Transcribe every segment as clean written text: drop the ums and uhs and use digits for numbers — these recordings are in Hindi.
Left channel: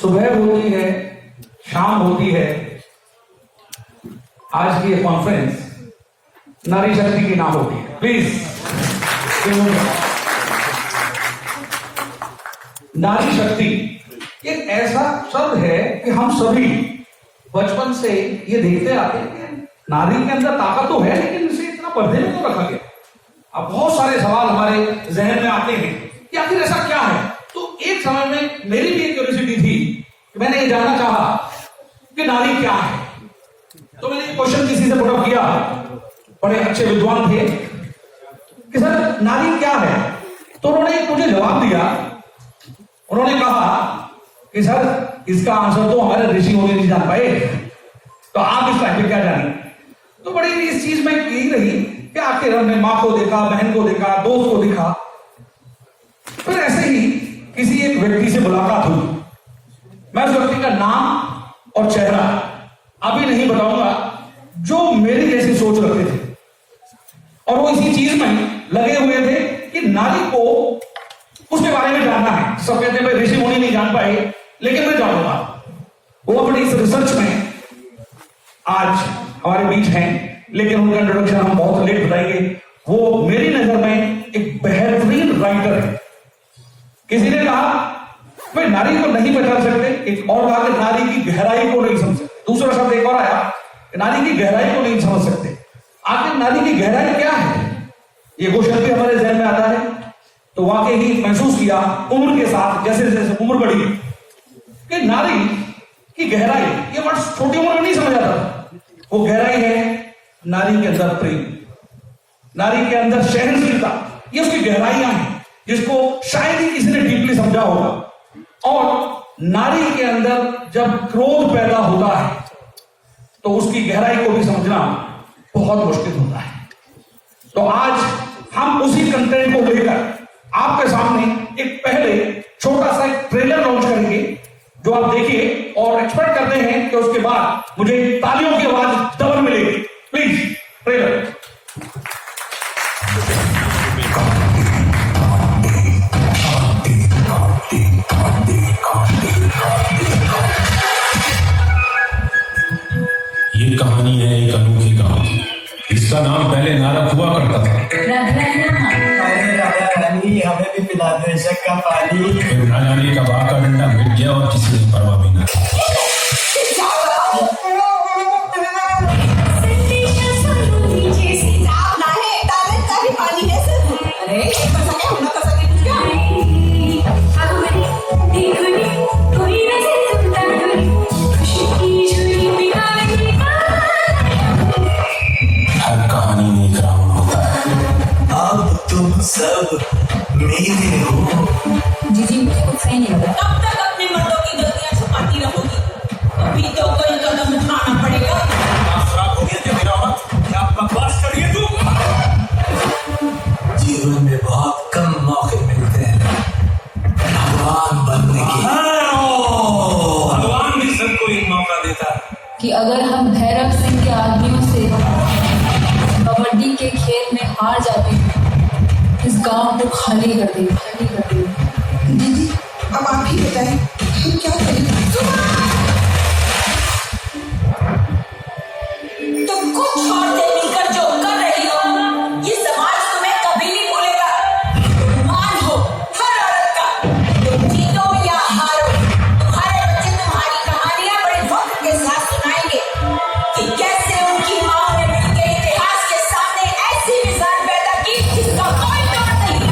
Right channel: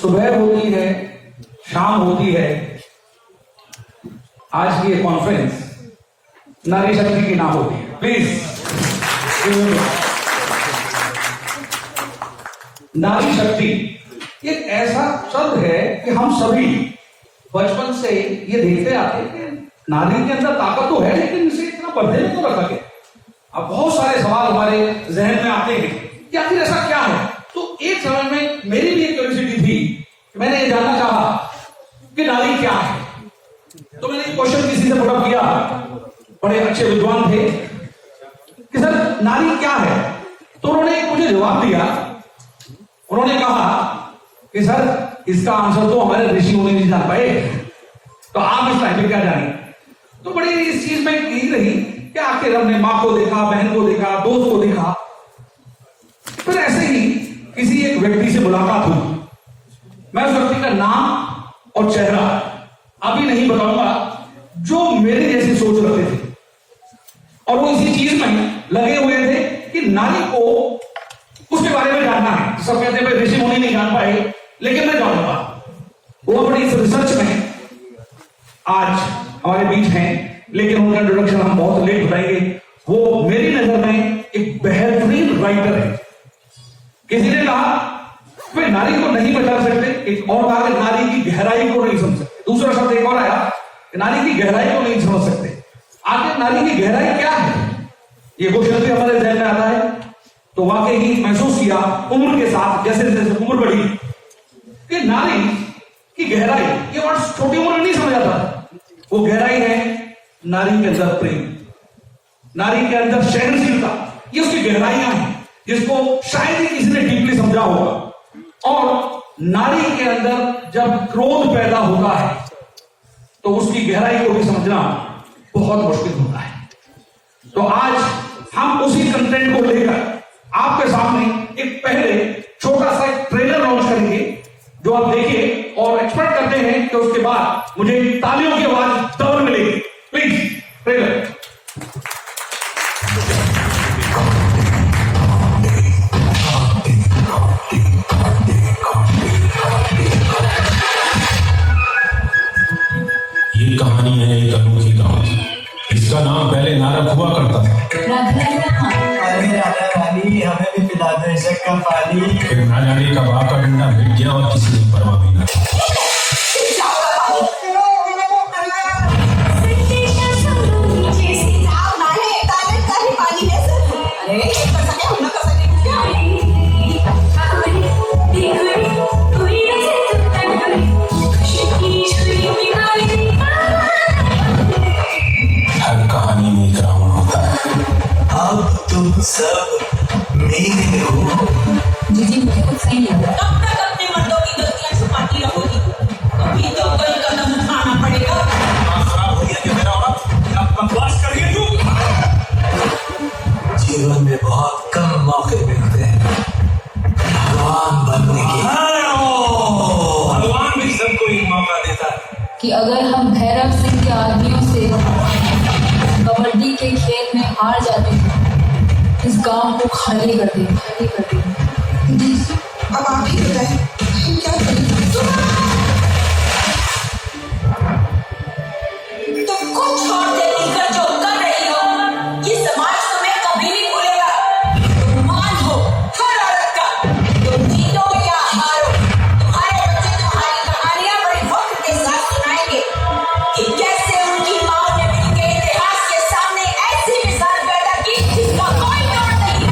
सुबह होती है, शाम होती है। आज की ये कॉन्फ्रेंस नारी शक्ति की नाम होती है। प्लीज, नारी शक्ति एक ऐसा शब्द है कि हम सभी बचपन से ये देखते आते हैं कि नारी के अंदर ताकत तो है, लेकिन इसे इतना पर्दे में तो रखा गया। अब बहुत सारे सवाल हमारे जहन में आते हैं कि आखिर ऐसा क्या है। तो एक समय में मेरी भी एक क्यूरियोसिटी थी कि मैंने ये जानना चाहा कि नारी क्या है। तो मैंने एक क्वेश्चन किसी से पुट किया, बड़े अच्छे विद्वान थे, कि सर नारी क्या है। तो उन्होंने मुझे जवाब दिया। उन्होंने कहा कि सर इसका आंसर तो हमारे ऋषि मुनि नहीं जान पाए, तो आप इस टाइम पे क्या जानेंगे। तो बड़ी इस चीज में यही रही कि आखिर हमने माँ को देखा, बहन को देखा, दोस्त को देखा। फिर ऐसे ही किसी एक व्यक्ति से मुलाकात हुई। मैं उस व्यक्ति का नाम और चेहरा अभी नहीं बताऊंगा, जो मेरे जैसे सोच रखते थे और वो इसी चीज में लगे हुए थे कि नारी को उसके बारे में जानना है। सब कहते हैं ऋषि मुनि नहीं जान पाए, लेकिन मैं जानूंगा। वो बड़ी इस रिसर्च में आज हमारे बीच हैं, लेकिन उनका इंट्रोडक्शन हम बहुत लेट बताएंगे। वो मेरी नजर में एक बेहतरीन राइटर है। किसी ने कहा वे नारी को नहीं पहचान सकते, एक और कहा कि नारी की गहराई को नहीं समझ सकते, दूसरा शब्द एक और आया कि नारी की गहराई को नहीं समझ सकते। आखिर नारी की गहराई क्या है, ये क्वेश्चन भी हमारे जहन में आता है। तो वाकई ही महसूस किया उम्र के साथ, जैसे जैसे उम्र बढ़ी, कि नारी की गहराई ये वर्ड छोटी उम्र में नहीं समझ आता। वो गहराई है नारी के अंदर प्रेम, नारी के अंदर सहनशीलता, ये उसकी गहराइयां हैं जिसको शायद ही किसी ने डीपली समझा होगा। और नारी के अंदर जब क्रोध पैदा होता है तो उसकी गहराई को भी समझना बहुत मुश्किल होता है। तो आज हम उसी कंटेंट को लेकर आपके सामने एक पहले छोटा सा एक ट्रेलर लॉन्च करेंगे, जो आप देखिए और एक्सपेक्ट करते हैं कि उसके बाद मुझे तालियों की आवाज डबल मिलेगी। Please trailer. ये कहानी है एक अनोखी कहानी। इसका नाम पहले नारक हुआ करता था। अरे राजा रानी, हमें भी पिला दो इश्क का पानी। फिर ना जाने कब आका डंडा मिट गया और किसी ने परवाह भी ना की। हर कहानी में एक रावण होता है। अब तुम सब मेरे हो। जी मुझे कुछ सही नहीं लगा। कब तक अपने मर्दों की गलतियां छुपाती रहोगी? अभी तो कोई कदम उठाना पड़ेगा। खराब हो गया मेरा औरत, क्या बकवास कर रही है तू? जीवन में बहुत कम मौके मिलते हैं भगवान बनने के। भगवान भी सबको एक मौका देता है। कि अगर हम भैरव सिंह के आदमियों से कबड्डी के खेल में हार जाते हैं, इस गांव को खाली कर दें। दीदी अब आप ही बताएं, हम क्या करें? तुमको छोड़ के मिलकर जो कर रही हो, ये समाज तुम्हें कभी नहीं भूलेगा। तुम मान हो हर औरत का, तुम जीतो या हारो, तुम्हारे बच्चे तुम्हारी कहानियां बड़े वक्त के साथ सुनाएंगे कि कैसे उनकी माँ ने उनके इतिहास के सामने ऐसी मिसाल पैदा की जिसका कोई तोड़ नहीं।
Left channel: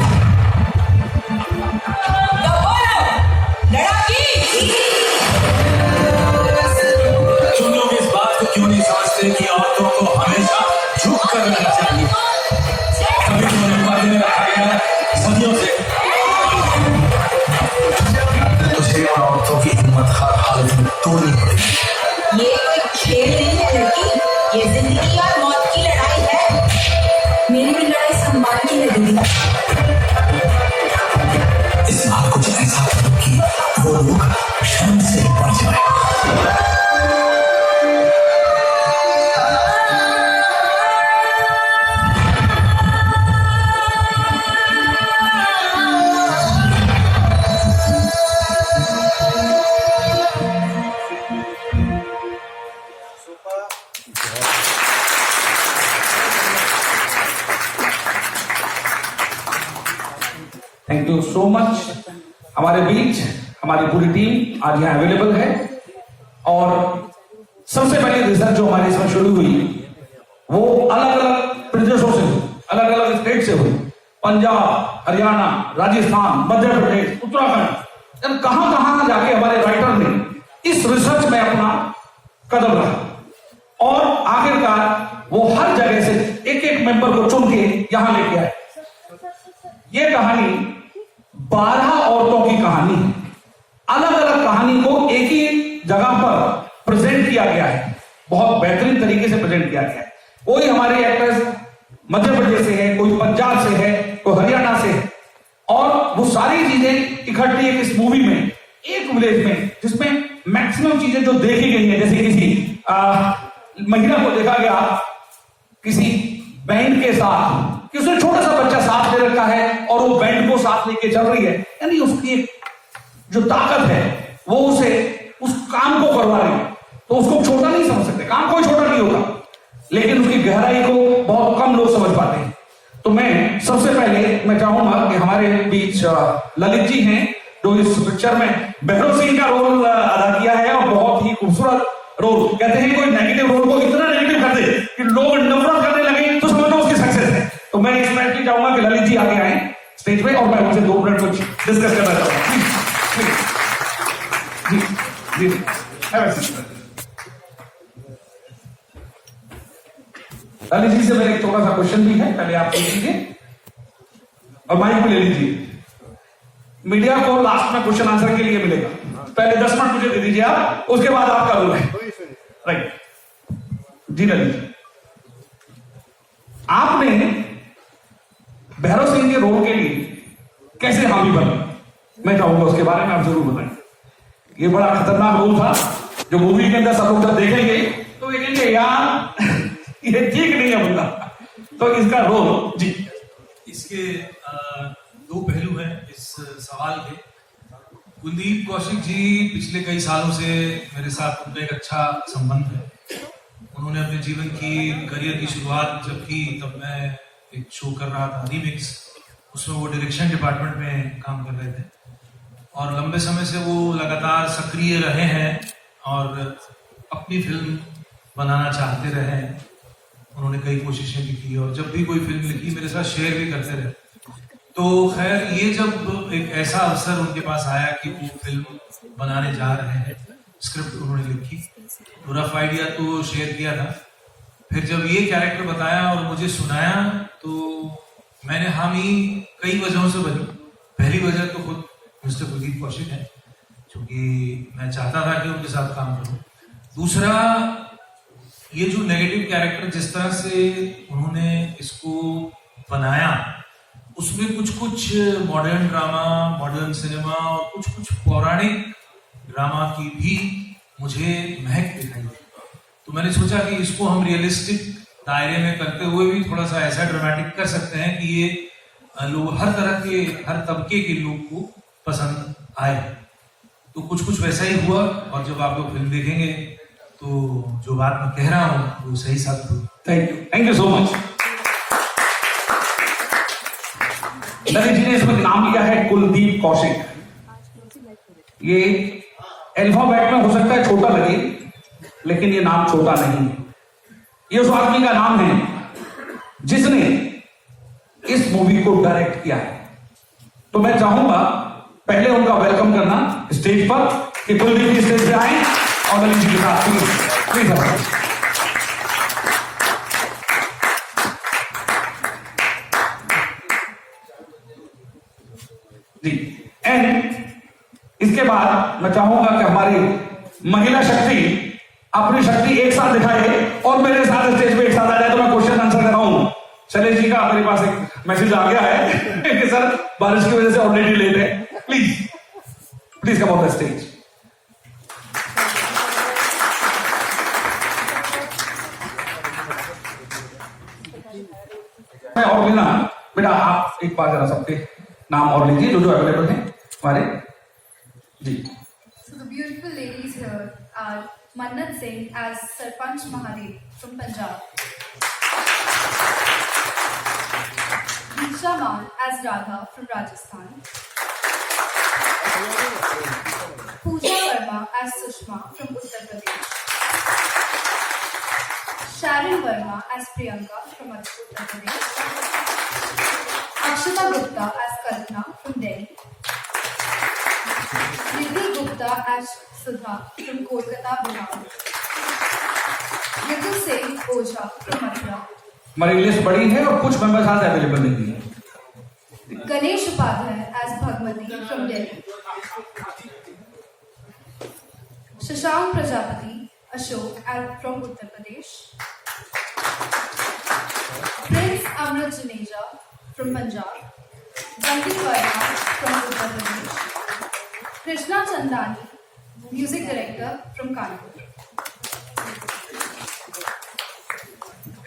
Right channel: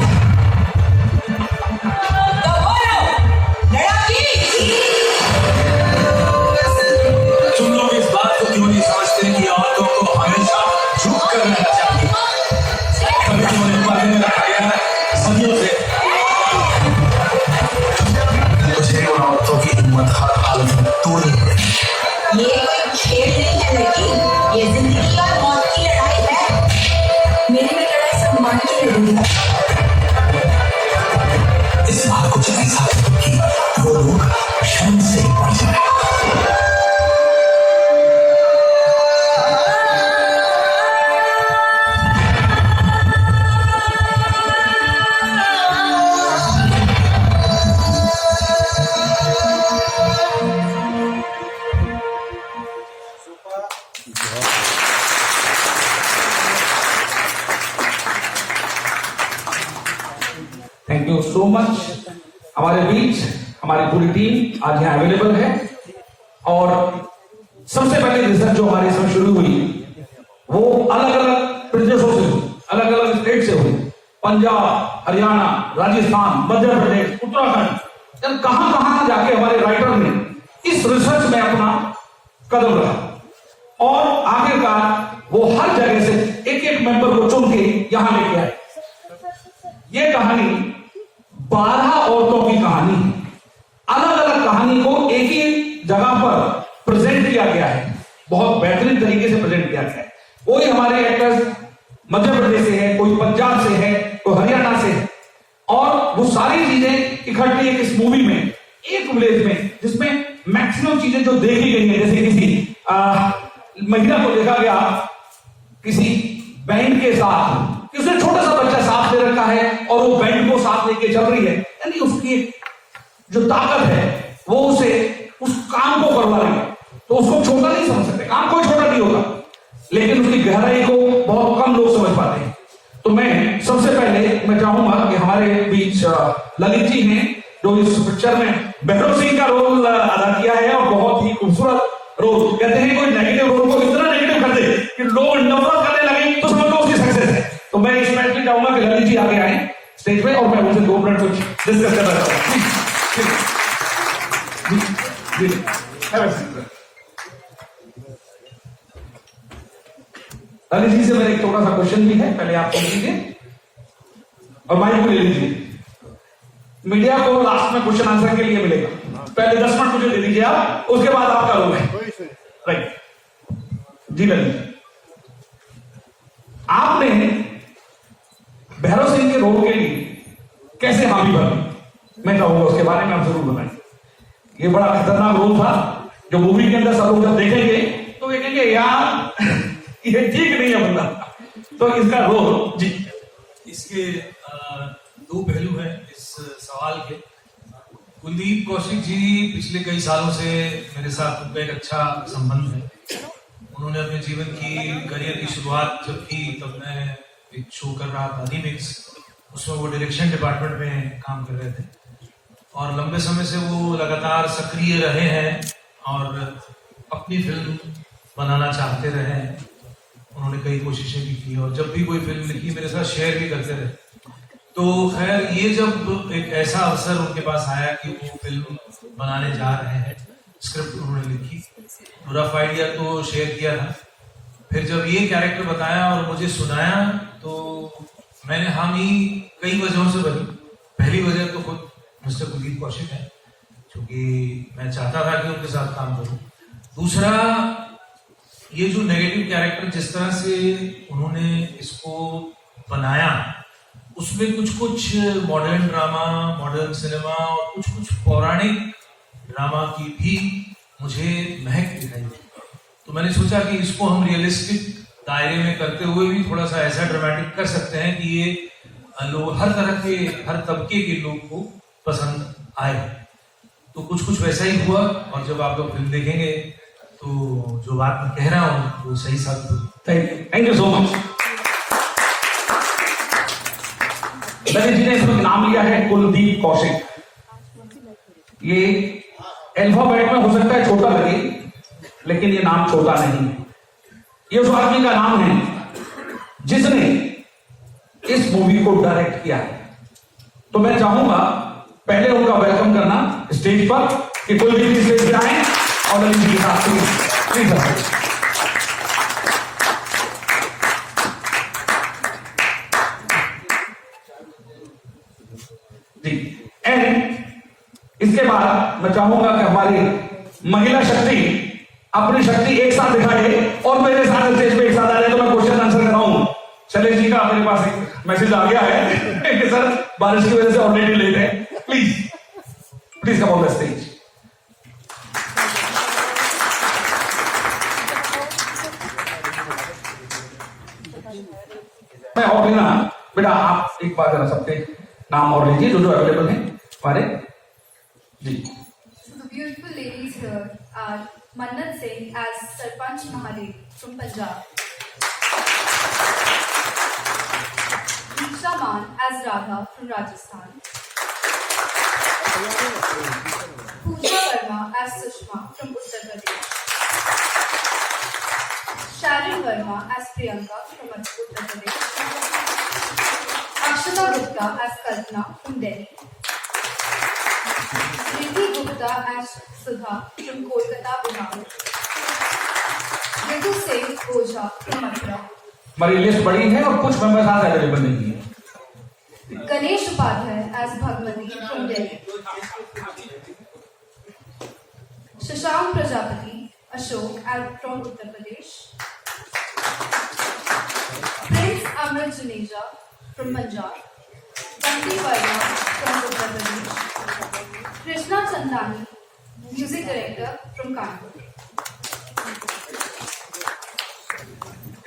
Thank you so much. हमारे बीच हमारी पूरी टीम आज यहाँ अवेलेबल है और सबसे पहले रिसर्च जो हमारी इसमें शुरू हुई वो अलग अलग प्रदेशों से हुई, अलग अलग स्टेट से हुई। पंजाब, हरियाणा, राजस्थान, मध्य प्रदेश, उत्तराखंड, कहां कहां जाके हमारे राइटर ने इस रिसर्च में अपना कदम रखा और आखिरकार वो हर जगह से एक एक मेंबर को चुन के यहां लेके आए। ये कहानी 12 औरतों की कहानी है। अलग अलग कहानी को एक ही जगह पर प्रेजेंट किया गया है, बहुत बेहतरीन तरीके से प्रेजेंट किया गया है। कोई हमारे एक्टर्स मध्य प्रदेश से है, कोई पंजाब से है, कोई हरियाणा से है और वो सारी चीजें इकट्ठी एक इस मूवी में, एक विलेज में, जिसमें मैक्सिमम चीजें जो देखी गई है, जैसे किसी महिला को देखा गया किसी बैंड के साथ, किसी छोटा सा बच्चा साथ ले रखा है और वो बैंड को साथ लेके चल रही है, यानी उसकी एक जो ताकत है वो उसे उस काम को करवा रही है। तो उसको छोटा नहीं समझ सकते, काम कोई छोटा नहीं होता, लेकिन उसकी गहराई को बहुत कम लोग समझ पाते हैं। तो मैं सबसे पहले मैं चाहूंगा कि हमारे बीच ललित जी हैं जो इस पिक्चर में भैरव सिंह का रोल अदा किया है और बहुत ही खूबसूरत रोल। कहते हैं कोई नेगेटिव रोल को इतना नेगेटिव कर दे कि लोग नफरत करने लगे तो समझो उसकी सक्सेस है। तो मैं स्पेशली चाहूंगा कि ललित जी आगे आए स्टेज पे और मैं उनसे 2 मिनट कुछ डिस्कस कर रहा हूँ। ललित जी से मेरा एक छोटा सा क्वेश्चन भी है, पहले आप सुन लीजिए और माइक ले लीजिए। मीडिया को लास्ट में क्वेश्चन आंसर के लिए मिलेगा, पहले 10 मिनट मुझे दे दीजिए आप, उसके बाद आपका रोल है। राइट जी ललित जी, आपने भैरव सिंह के रोल के लिए कैसे हामी भरी, मैं चाहूंगा उसके बारे में आप जरूर बताएं। ये बड़ा खतरनाक रोल था जो मूवी के अंदर सब लोग जब देखेंगे तो देखेंगे यार ये ठीक नहीं है बंदा। तो इसका रोल जी, इसके 2 पहलू हैं इस सवाल के। कुलदीप कौशिक जी पिछले कई सालों से मेरे साथ उनका एक अच्छा संबंध है। उन्होंने अपने जीवन की करियर की शुरुआत जब की तब मैं एक शो कर रहा था रीमिक्स, उसमें वो डायरेक्शन डिपार्टमेंट में काम कर रहे थे और लंबे समय से वो लगातार सक्रिय रहे हैं और अपनी फिल्म बनाना चाहते रहे हैं। उन्होंने कई कोशिशें भी की और जब भी कोई फिल्म लिखी मेरे साथ शेयर भी करते रहे। तो खैर ये जब एक ऐसा अवसर उनके पास आया कि वो फिल्म बनाने जा रहे हैं, स्क्रिप्ट उन्होंने लिखी, रफ आइडिया तो शेयर किया था। फिर जब ये कैरेक्टर बताया और मुझे सुनाया तो मैंने हामी कई वजहों से भरी। पहली वजह तो खुद मिस्टर कुलदीप कौशिक है, क्योंकि मैं चाहता था कि उनके साथ काम करूं। दूसरा, ये जो नेगेटिव कैरेक्टर जिस तरह से उन्होंने इसको बनाया, उसमें कुछ कुछ मॉडर्न ड्रामा, मॉडर्न सिनेमा और कुछ कुछ पौराणिक ड्रामा की भी मुझे महक दिखाई। तो मैंने सोचा कि इसको हम रियलिस्टिक दायरे में करते हुए भी थोड़ा सा ऐसा ड्रामेटिक कर सकते हैं कि ये लोग हर तरह के, हर तबके के लोग को पसंद आए। तो कुछ कुछ वैसा ही हुआ और जब आप लोग फिल्म देखेंगे तो जो बात मैं कह रहा हूं वो सही साबित हुई। Thank you so much. Lalit ji ने इसमें नाम लिया है कुलदीप कौशिक। ये अल्फाबेट में हो सकता है छोटा लगे, लेकिन ये नाम छोटा नहीं है। ये उस आदमी का नाम है जिसने इस मूवी को डायरेक्ट किया है। तो मैं चाहूंगा पहले उनका वेलकम करना स्टेज पर कि कुलदीप जी स्टेज पे आए और ललित जी के साथ प्लीज जी। एंड इसके बाद मैं चाहूंगा कि हमारी महिला शक्ति अपनी शक्ति एक साथ दिखाए और मेरे साथ स्टेज पे एक साथ आ जाए। तो मैं क्वेश्चन आंसर कर रहा हूं। शैलेश जी का मेरे पास एक मैसेज आ गया है कि सर बारिश की वजह से ऑलरेडी लेट है, please please come on the stage. और ना बेटा आप एक बार जरा सबके नाम और लीजिए जो जो अवेलेबल हैं हमारे जी। So the beautiful ladies here are Mannat Singh as Sarpanch Mahadev from Punjab. Diksha Man as Radha from Rajasthan. Pooja Verma as Sushma from Uttar Pradesh. Sharon Verma as Priyanka from Uttar Pradesh. Akshata Gupta as Kalpana from Delhi. Nidhi Gupta as Sudha from Kolkata, Bihar. Ritu Singh Ojha from Mathura. हमारी लिस्ट बड़ी है और कुछ मेंबर्स आज अवेलेबल नहीं है. Ganesh Upadhyay as Bhagwati from Delhi. Shashank Prajapati Ashok from Uttar Pradesh. Prince Amrit Juneja from Punjab. Bunty Verma from Uttar Pradesh. Krishna Chandani, Music Director from Kanpur.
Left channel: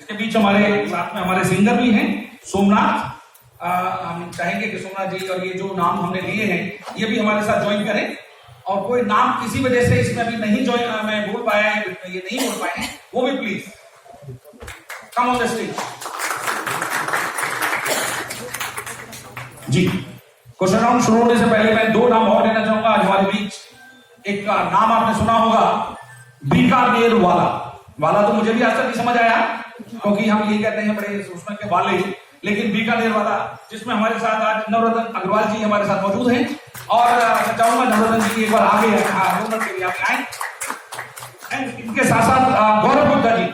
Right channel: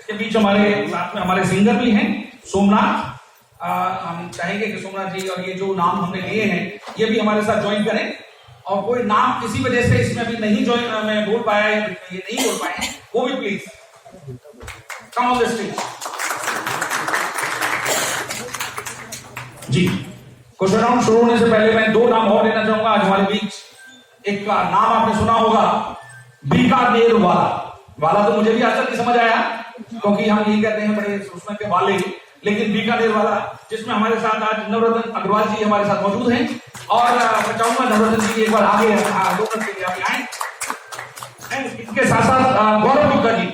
इसके बीच हमारे साथ में हमारे सिंगर भी हैं सोमनाथ. हम चाहेंगे कि सोमनाथ जी और ये जो नाम हमने लिए हैं ये भी हमारे साथ ज्वाइन करें. और कोई नाम किसी वजह से इसमें भी नहीं ज्वाइन मैं बोल पाया है, ये नहीं बोल पाए हैं, वो भी please come on the stage. जी क्वेश्चन राउंड शुरू होने से पहले मैं दो नाम और लेना चाहूंगा आज हमारे बीच. एक का नाम आपने सुना होगा बीकानेर वाला. वाला तो मुझे भी आज तक नहीं समझ आया क्योंकि हम ये कहते हैं बड़े उसमें के वाले, लेकिन बीकानेर वाला जिसमें हमारे साथ आज नवरत्न अग्रवाल जी हमारे साथ मौजूद हैं. और चाहूंगा नवरत्न जी एक बार आगे 2 मिनट के लिए आगे आए. इनके साथ साथ गौरव गुप्ता जी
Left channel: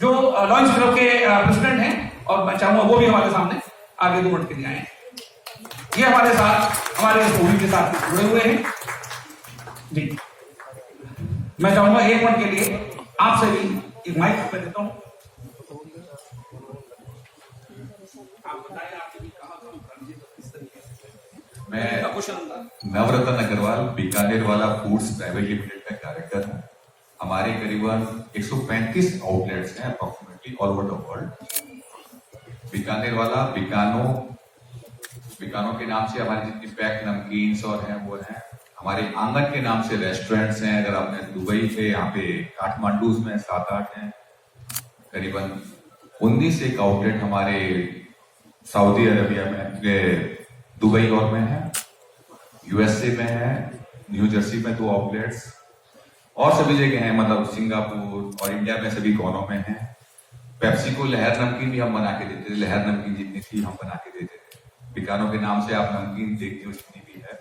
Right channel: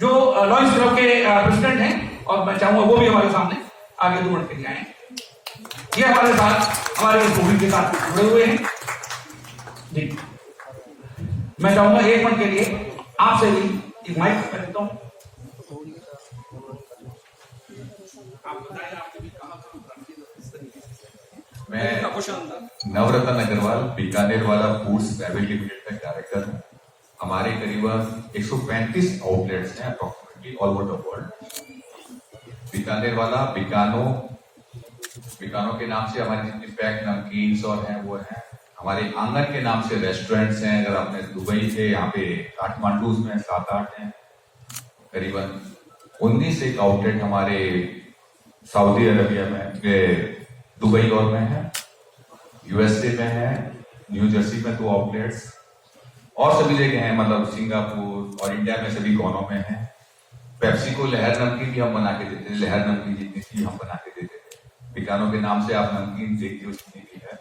जो लॉयंस क्लब के प्रेसिडेंट हैं और मैं चाहूंगा वो भी हमारे सामने आगे 2 मिनट के लिए आए. ये हमारे साथ हमारे मूवी के साथ जुड़े हुए हैं. जी मैं चाहूंगा 1 मिनट के लिए आपसे भी एक माइक पे देता हूं. मैं नवरत्न अग्रवाल बीकानेर वाला फूड्स प्राइवेट लिमिटेड में डायरेक्टर हूँ. हमारे करीबन 135 आउटलेट्स हैं approximately all over the world. Bikaner वाला बिकानो के नाम से हमारे जितनी पैक नमकीन्स और हैं वो हैं. हमारे आंगन के नाम से रेस्टोरेंट्स हैं. अगर आपने दुबई से यहाँ पे काठमांडू में 7-8 हैं. करीबन 19 एक आउटलेट हमारे सऊदी अरबिया में दुबई और में है, यूएसए में है, न्यू जर्सी में 2 आउटलेट्स और सभी जगह हैं. मतलब सिंगापुर और इंडिया में सभी कोनों में है. पेप्सी को लहर नमकीन भी हम बना के देते थे. लहर नमकीन जितनी थी हम बना के देते थे. बिकानो के नाम से आप नमकीन देखते हो जितनी भी है.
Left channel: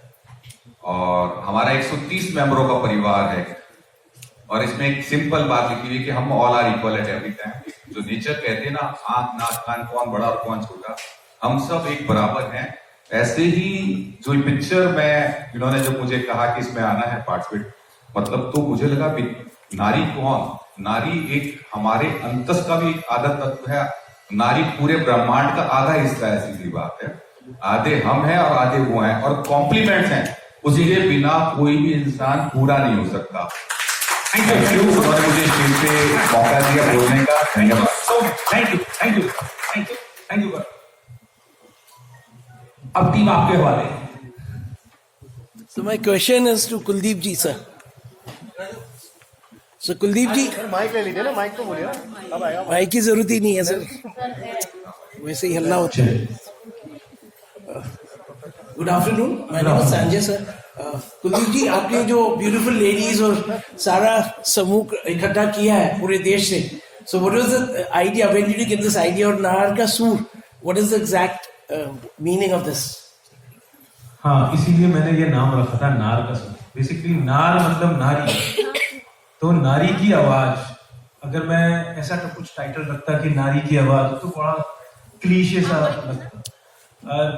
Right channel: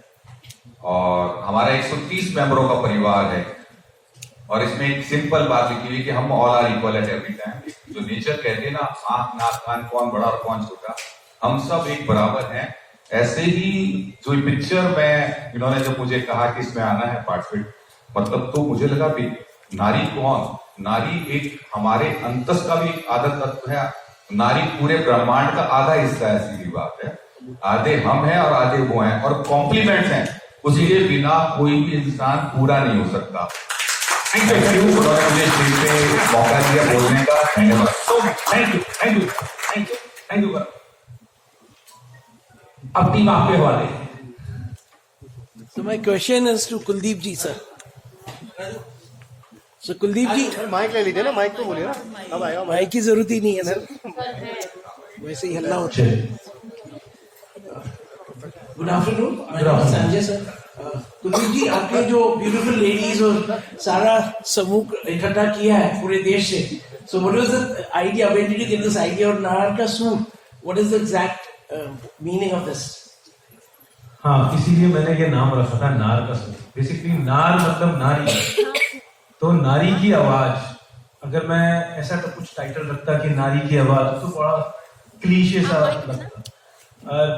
और हमारा 130 मेंबरों का परिवार है. और इसमें एक सिंपल बात लिखी हुई कि हम all are equal at every time. जो नेचर कहते हैं ना आंख नाक कान कौन बड़ा और कौन छोटा, हम सब एक बराबर हैं. ऐसे ही जो पिक्चर में इन्होंने जो मुझे कहा कि इसमें आना है पार्टिसिपेट, मतलब तो मुझे लगा कि नारी कौन, नारी एक हमारे अंतस का भी एक आधा तत्व है. नारी पूरे ब्रह्मांड का आधा हिस्सा है. सीधी बात है. आधे हम हैं और आधे वो हैं और कॉम्प्लीमेंट्स हैं. उसी के बिना कोई भी इंसान पूरा नहीं हो सकता. मुझे स्टेज पे मौका दिया बोलने का. धन्यवाद. Thank you. अब टीम आपके हवाले. So my question is to Kuldeep ji, sir. So Kuldeep ji, mike ले लीजिए ना, माइक तो बोलिए ना, अब आएगा. माइक की जरूरत ही नहीं है सर, वैसे ही हल्ला होता है. Good afternoon, my name is Sanjay sir. Kuldeep ji, आपकी जो ब्यूटीफुल लेडीज और सारा समूह इकट्ठा किया है पूरे देश से, so what was the idea, when did you get this idea? और नार का सूर, what is the exact meaning of this? हाँ, इसीलिए मैंने ये नाम रखा था नार का सूर. बेसिकली नार मतलब नारी, तो नारी की आवाज. अगर मैं ऐसा कुछ टाइटल रखता कि नारी की आवाज तो बड़ा क्लीशे सा लगता.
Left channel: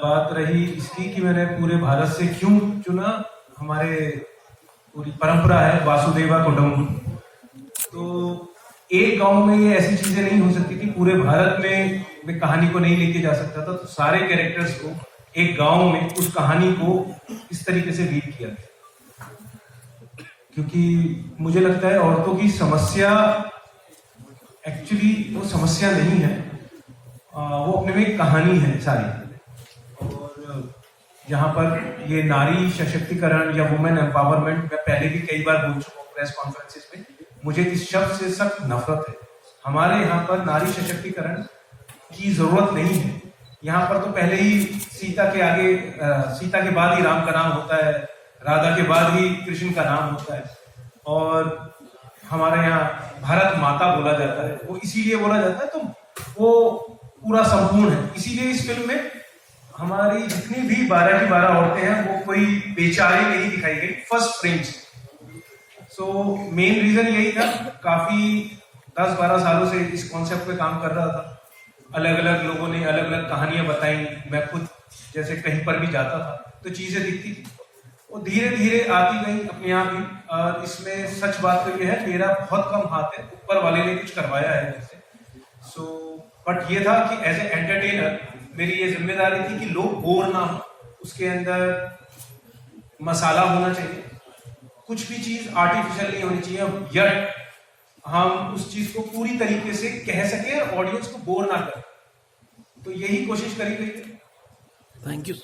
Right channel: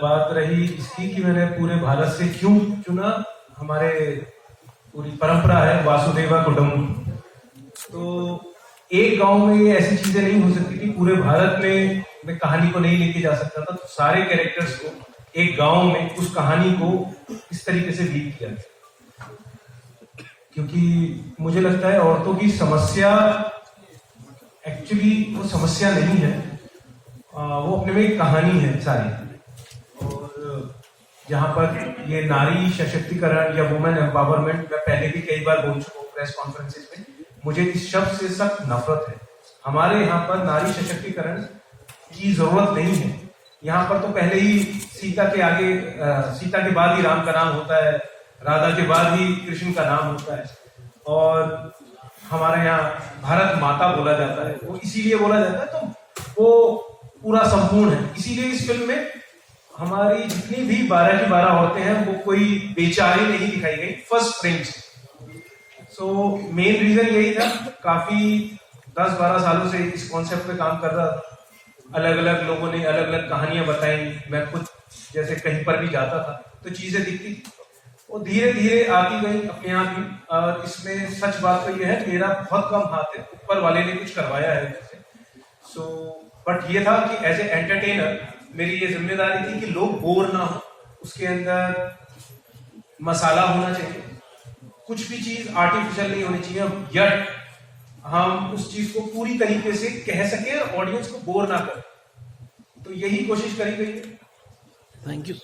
बात रही इसकी कि मैंने पूरे भारत से क्यों चुना, हमारे पूरी परंपरा है वासुदेवा कुटुंब. तो एक गांव में ये ऐसी चीजें नहीं हो सकती कि पूरे भारत में मैं कहानी को नहीं लेके जा सकता था. तो सारे कैरेक्टर्स को एक गांव में उस कहानी को इस तरीके से लीड किया, क्योंकि मुझे लगता है औरतों की समस्या एक्चुअली वो समस्या नहीं है, वो अपने में एक कहानी है सारी. और यहाँ पर ये नारी सशक्तिकरण या वुमेन एम्पावरमेंट, मैं पहले भी कई बार बोल चुका हूँ प्रेस कॉन्फ्रेंसेस में, मुझे इस शब्द से सख्त नफरत है. हमारे यहाँ पर नारी सशक्तिकरण की जरूरत नहीं है. यहाँ पर तो पहले ही सीता के बाद ही राम का नाम होता है, राधा के बाद ही कृष्ण का नाम होता है, और हमारे यहाँ भारत माता बोला जाता है, वो इसीलिए बोला जाता है, तो वो पूरा संपूर्ण है। इसीलिए इस फिल्म में हमारी जितनी भी 12 की 12 औरतें हैं वो कोई बेचारी नहीं दिखाई गई फर्स्ट फ्रेम से। सो मेन रीजन यही था, काफी 10-12 सालों से इस कॉन्सेप्ट पे काम कर रहा था, अलग अलग लोगों ने अलग अलग कहानियां बताई, मैं खुद जैसे कहीं पर भी जाता था तो चीजें दिखती थी, वो धीरे धीरे आती गई अपने आप ही। और इसमें सच बात तो ये है, मेरा बहुत कम हाथ है, ऊपर वाले ने कुछ करवाया है मुझसे। सो बट ये था कि एज ए एंटरटेनर मेरी ये जिम्मेदारी थी कि लोग बोर ना हो, उसके अंदर मसाला होना चाहिए, कुछ भी चीज आर्टिफिशियल नहीं होनी चाहिए, यट हम उस चीज को पूरी तरीके से कह सके और ऑडियंस को बोर ना करें, तो यही कोशिश करी गई है। Thank you.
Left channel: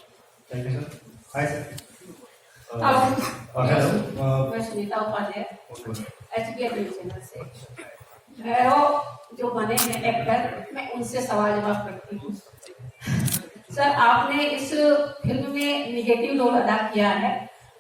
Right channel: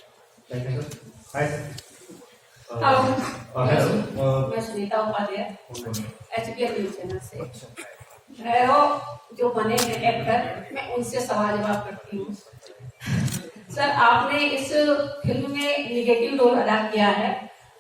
मैं Sunita Upadhyay HPL news channel से। वो जो बने हैं एक्टर, मैं उनसे सवाल जवाब करती हूँ। सर, आपने इस फिल्म में निगेटिव रोल अदा किया है,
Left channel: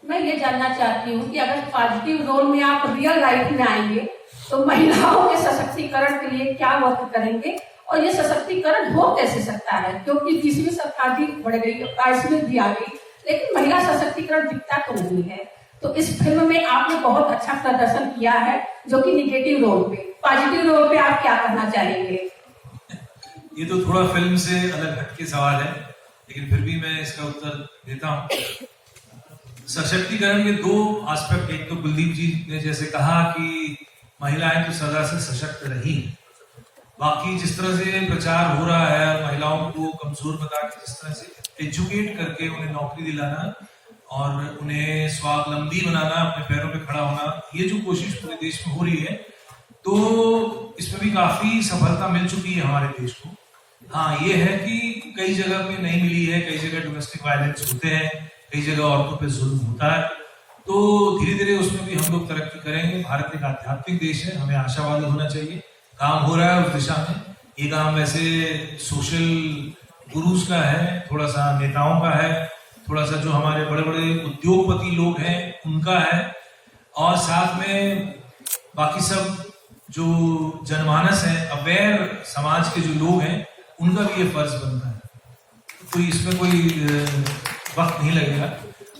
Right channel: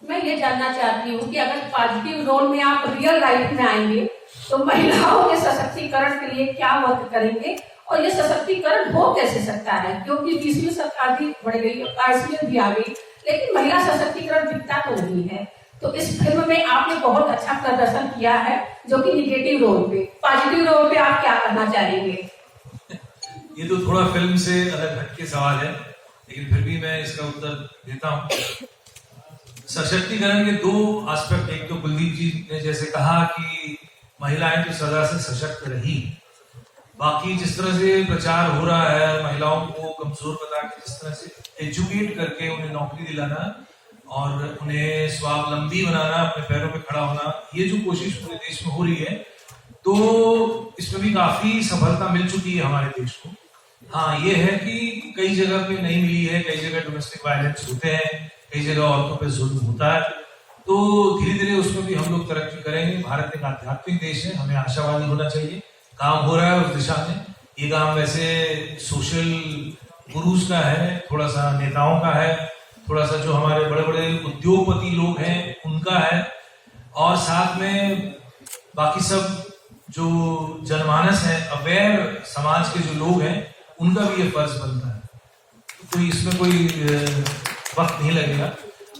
मैं ये जानना चाहती हूँ कि अगर पॉजिटिव रोल में आप रियल लाइफ में आएंगे तो महिलाओं के सशक्तिकरण के लिए क्या वर्क करेंगे, और ये सशक्तिकरण हो कैसे सकता है, क्योंकि 20वीं शताब्दी बढ़ गई, आइसलैंड भी आ गई, लेकिन महिला सशक्तिकरण दिखता तो नहीं है। तो इस फिल्म में आपने बहुत अच्छा प्रदर्शन किया है, जो कि निगेटिव रोल पे, पॉजिटिव रोल पे आप क्या करना चाहेंगे? ये तो थोड़ा फिल्म से अलग हटके सवाल है, लेकिन फिर भी मैं इसका उत्तर देता हूँ। सशक्तिकरण के 2 एस्पेक्ट, एक तो कुलदीप जी ने जैसे कहा कि महिलाएं तो सदा से सशक्त रही, बाकी जिस तरह से प्रचार हो रहा है और महिलाओं को कमजोर बता के जिस तरह से एजुकेट करके उन्हें नौकरी दिलाना और उन्हें स्वावलंबी बनाना, अपने पैरों पे खड़ा होना, ये जो कोशिश पूरे देश में हो रही है, तो इसमें भी काफी सफलता मिल चुकी है हमारे देश को। हाँ, ये है कि कई जगह पे नहीं मिली है, कई जगह डोमेस्टिक वायलेंस होते हैं, कई जगह औरतों पे जुल्म होता है, तो धीरे धीरे उसमें भी हम लोग तरक्की करेंगे। भारत एक आध्यात्मिक देश है, हमें आशावादी होना चाहिए, काम हो रहा है उस दिशा में। ये काम वैसे सोशल गुरुज का है, थोड़ा सा नेताओं का है, थोड़ा सा जो हमारे बड़े बड़े उद्योगपति लोग हैं उनका है, और साथ में बाकी सब जो जनमानस है, अवेयर समाज के जो लोग हैं, उनका भी ये फर्ज बनता है। तो इसमें कोई वक्त नहीं लगेगा।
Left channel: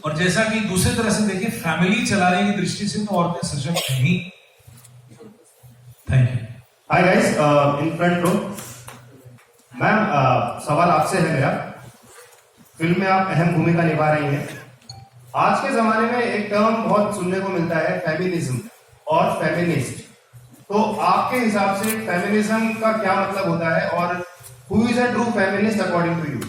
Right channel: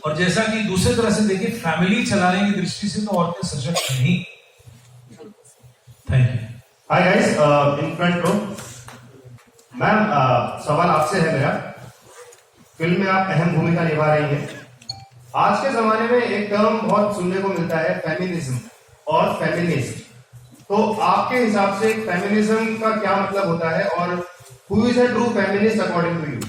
और जैसा कि दूसरी तरह से देखिए, फैमिली चलाने की दृष्टि से तो औरतें सशक्त नहीं। Thank you. Hi guys, in front row. Ma'am, सवाल आपसे है मेरा। फिल्म में आप अहम भूमिका निभा रही हैं। आज के जमाने में एक टर्म बहुत सुनने को मिलता है, फेमिनिज्म और फेमिनिस्ट। तो आपके हिसाब से फेमिनिज्म का क्या मतलब होता है, और who is a true feminist according to you?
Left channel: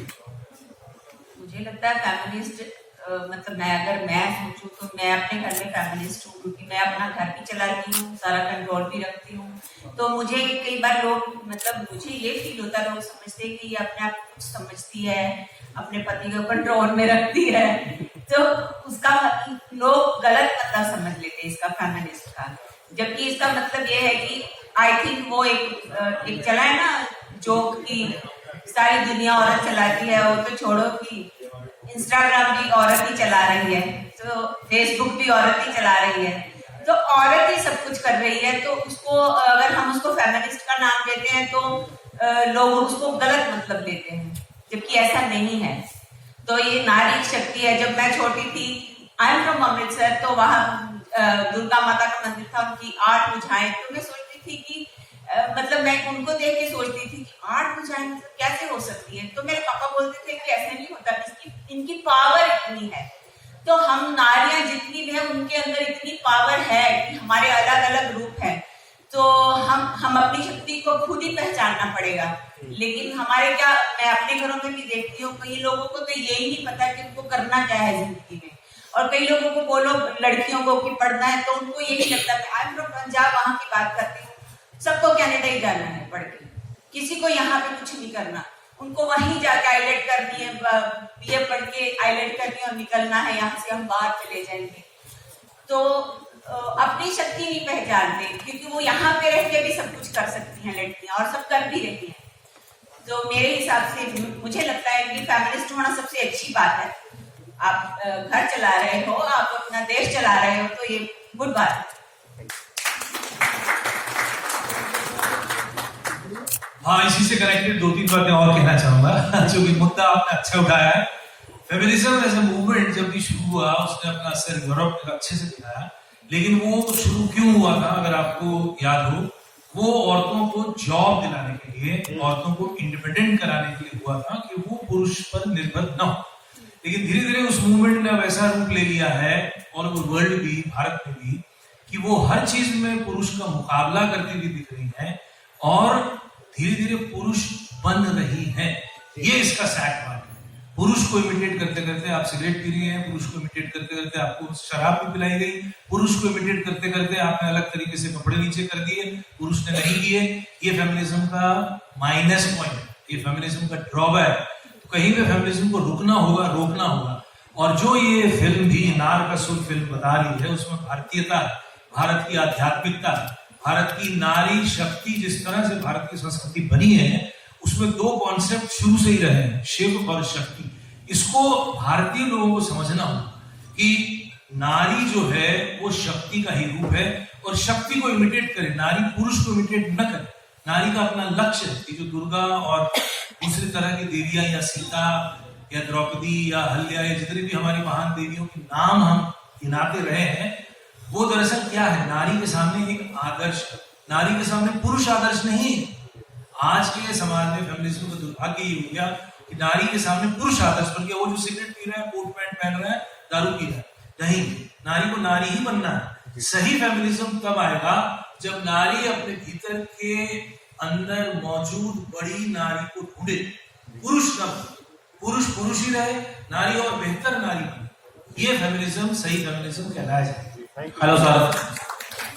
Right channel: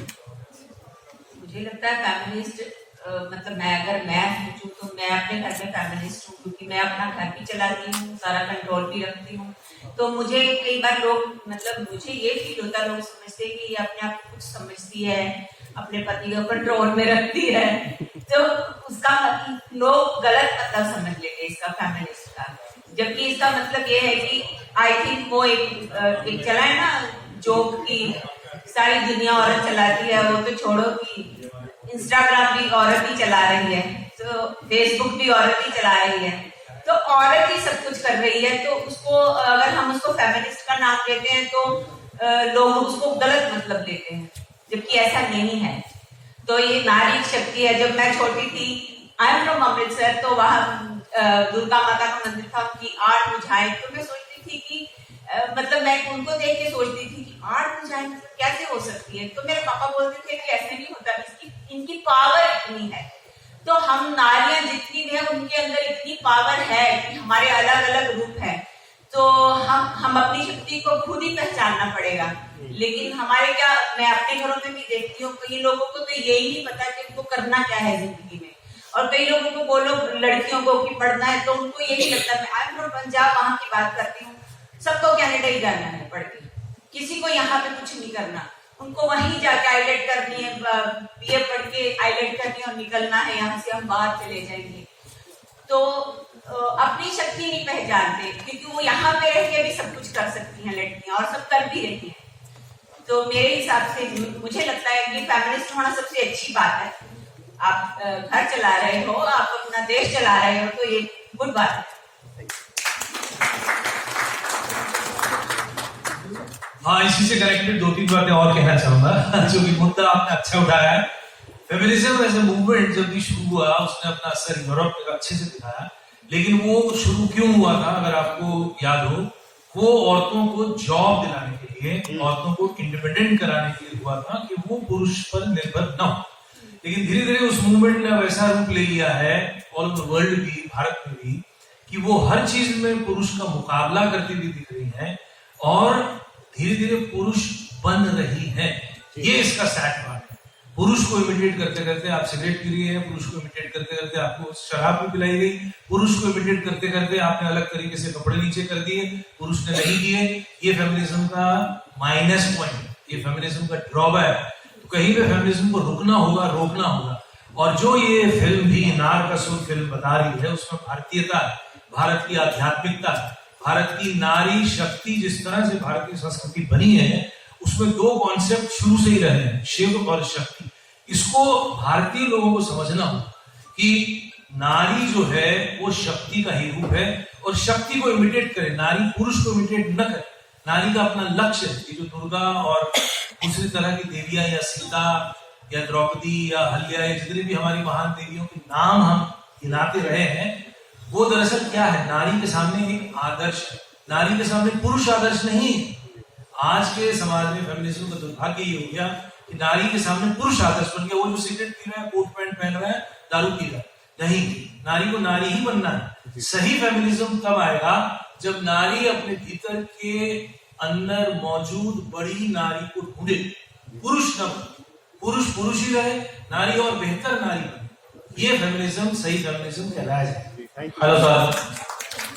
मुझे लगता है फेमिनिस्ट मतलब मैं सोचूं तो मैं अपने घर में फेमिनिस्ट हूँ, क्योंकि मैं अपना घर भी चलाती हूँ, सारा कंट्रोल भी रखती हूँ। तो मुझे कई बार लोग मतलब मुझे ये फील होता है, लोग समझते हैं कि ये अपने आप कुछ समझती है, अपने पति को कंट्रोल में रखती है, तो उसका लोग गलत मतलब समझ लेते हैं इसका फेमिनिस्ट का। जबकि इसका मतलब ये है कि आई थिंक वो एक चला है ना जोक की सारी दुनिया औरत चलाती है, वो तो छोड़ो कि इंस्टाग्राम भी औरत ही चला रही है, तो फेसबुक भी औरत ही चला रही है, तो औरत ही सब कुछ कर रही है। तो उसको अगर हम उसको फेमिनिस्ट का नाम देते हैं तो लोग उसको गलत मतलब लेते हैं, जबकि ऐसा नहीं है। तो ये नारी शक्ति है। जब मैं छोटी थी, आई एम फ्रॉम अमृतसर, तो वहाँ दुर्गा माता का मंदिर था, उनकी 8 भुजाएं, तो मैं सोचती थी कि मतलब मैं उनको देख के सोचती थी कि 8 भुजाएं कैसे हो सकती है। तो मेरे पापा बोलते थे कि ऐसे नहीं होता, इनकी पावर इतनी है। तो हम नारियां जितनी भी है उनके अंदर इतनी पावर है कि हमारे अलग अलग रूप है, तो हम अपनी शक्ति को खुद ही पहचानना पड़ेगा। लेकिन हमारे क्या, मैं अपने घरों में भी देखती हूँ, कई लोगों को तो यही नहीं पता कि उनको करना क्या है जिंदगी में। और कई लोगों को बोलो लड़कियों को कि पढ़ना है, तो उनको यही लगता है। आई एम फ्रॉम पंजाब, वहां की बात करती हूँ, सबको कनाडा ही जाना है पढ़ के, किसी को यहाँ पे कुछ नहीं करना, उनको वहीं जाके आईलेट करनी है, बीए पढ़ के आईलेट करनी है और निकलना है, यहाँ से हम बाहर चले जाएंगे। तो अपनी शक्ति नहीं पहचानते, क्योंकि वो यहाँ पे रह के भी सब कुछ कर सकती हैं लड़कियां, और सब कर भी रही हैं। तो मेरे हिसाब से मुझे लगता है कि फेमिनिस्ट होना सबसे अच्छी बात है। आप घर चला रहे हो, आप अपना देश चला रहे हो, तो ये गुड बात है। हाँ, इसी से कनेक्टेड 2-3 बातें और कहना चाहूंगा। जो भी मुद्दा आपने अच्छा उठाया है, फेमिनिज्म एज ए मूवमेंट जब भी शुरू हुआ उसने अपना असर यूरोप में अच्छे से दिखाया, लेकिन वो शुरू क्यों हुआ था अगर आपको याद हो, वो औरतों को जॉब दिलाने के लिए, औरतों को इंडिपेंडेंट कराने के लिए हुआ था कि वो पुरुष पर निर्भर न हो। लेकिन धीरे धीरे उस मूवमेंट ने वैसा रूप ले लिया है ऑल ओवर वर्ल्ड भी, भारत में भी, कि वो हर चीज में पुरुष का मुकाबला करती हुई दिख रही है और धीरे धीरे पुरुष बन रही है। ये इसका सैड पार्ट है। पुरुष को इमिटेट करते करते आप सिगरेट पी रही है, पुरुष को इमिटेट करते करते आपको शराब भी पिलाई गई, पुरुष को इमिटेट करते करते आपने अलग तरीके से कपड़े नीचे कर दिए, पुरुष ने नहीं किए। ये फेमिनिज्म का माइनस पॉइंट, ये फेमिनिज्म का ड्रॉबैक। तो कहीं पे फेमिनिज्म को रुकना होगा, रोकना होगा। और जो ये फिल्म भी नार का सुर फिल्म बता रही है, उसमें भारतीयता, भारत की आध्यात्मिकता, भारत की नारी शक्ति, जिस तरह से भारतीय संस्कृति बनी है, उसमें 2 कॉन्सेप्ट शुरू से ही रहे हैं, शिव और शक्ति। इसको भारतीय लोगों को समझना हो कि नारी जो है वो शक्ति का ही रूप है और शक्ति को इमिटेट करे, नारी पुरुष को इमिटेट न करे। नारी का अपना लक्ष्य है कि जो दुर्गा और दूसरी तरह की देवियां या सीता या द्रौपदी या हल्या या जितनी भी हमारी महान देवियों के नाम हम गिनाते रहे हैं, वो दरअसल क्या है, नारी के सामने एक आदर्श है, नारी के सामने पुरुष आदर्श नहीं है। आज के समाज में फेमिनिज्म का दुर्भाग्य ये हो गया कि नारी के सामने पुरुष आदर्श बन गया। वो जो सिगरेट पी रहा है, कोट पैंट पहन रहा है, दारू पी रहा है, नहीं, नारी को नारी ही बनना है। सही फेमिनिज्म तब आएगा जब नारी अपने भीतर के अंदर मौजूद बड़ी नारी को ढूंढे, पुरुष न, पुरुष पुरुष ही रहे, नारी और बेहतर नारी बने। ये फेमिनिज्म सही फेमिनिज्म कहलाया जाए। हेलो साहब।